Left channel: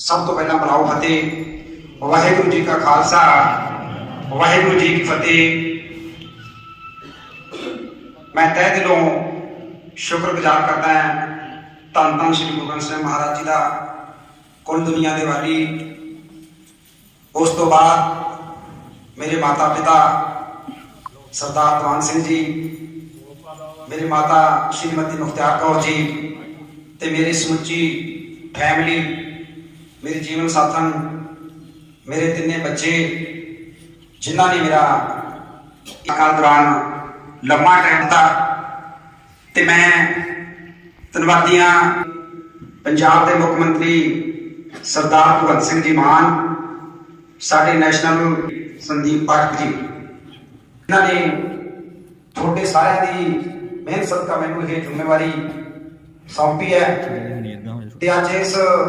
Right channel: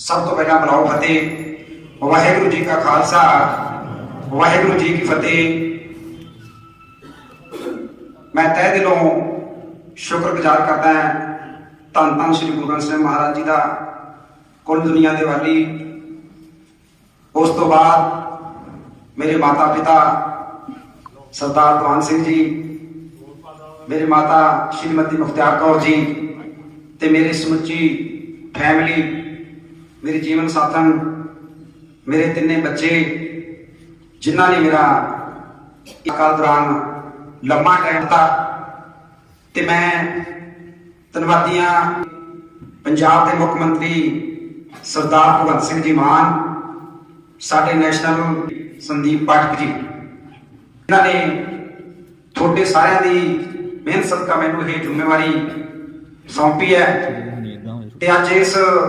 ਸਭ ਤੋਂ ਪਹਿਲਾਂ ਬੁਲਾਓ ਫਤਿਹ। ਵਾਹਿਗੁਰੂ ਜੀ ਕਾ ਖਾਲਸਾ, ਵਾਹਿਗੁਰੂ ਜੀ ਕੀ ਫਤਿਹ। ਮੈਂ ਤਹਿ ਦਿਲੋਂ ਸ਼ੁਕਰਗੁਜ਼ਾਰ ਕਰਦਾ ਹਾਂ ਧੰਨ ਧੰਨ ਸ੍ਰੀ ਗੁਰੂ ਗ੍ਰੰਥ ਸਾਹਿਬ ਮਹਾਰਾਜ ਜੀ ਦਾ ਕੁੱਲ ਦੁਨੀਆ ਦੇ ਵਾਲੀ। ਉਸ ਤੋਂ ਬਾਅਦ ਮੇਰੇ ਮਾਤਾ ਪਿਤਾ ਸਰਦਾਰ ਦੀਵਾਨ ਸਿੰਘ ਜੀ, ਮੇਰੇ ਮਾਤਾ ਸ਼੍ਰੀਮਤੀ ਮੁਖਤਿਆਰ ਕੌਰ ਜੀ ਤੇ ਮੇਰੀ ਸਮੁੱਚੀ ਫੈਮਿਲੀ ਮੇਰੇ ਜੀਵਨ ਸਾਥਣ ਮੇਰੇ ਤਿੰਨੇ ਬੱਚੇ ਜਿਨ੍ਹਾਂ ਨੇ ਮੇਰਾ ਇਕਾਲ ਦੌਰਾਨ ਲੰਮਾ ਟਾਈਮ ਤੱਕ ਤੇ ਮੈਂ ਧੰਨਵਾਦੀਆਂ ਪੰਜਾਬ ਦੇ ਮੁੱਖ ਮੰਤਰੀ ਸਰਦਾਰ ਭਗਵੰਤ ਸਿੰਘ ਜੀ ਮਾਨ ਸਾਡੇ ਨੈਸ਼ਨਲ ਸੰਦੀਪ ਪਾਠਕ ਜੀ ਇਹਨਾਂ ਨੇ ਤੁਹਾਡੇ ਸਾਰਿਆਂ ਦੀ ਮਿਹਨਤ ਸਦਕਾ ਮੈਨੂੰ ਇਹ ਜ਼ਿੰਮੇਵਾਰੀ ਸੌਂਪੀ ਹੈ। ਤੇ ਅੱਜ ਇਸ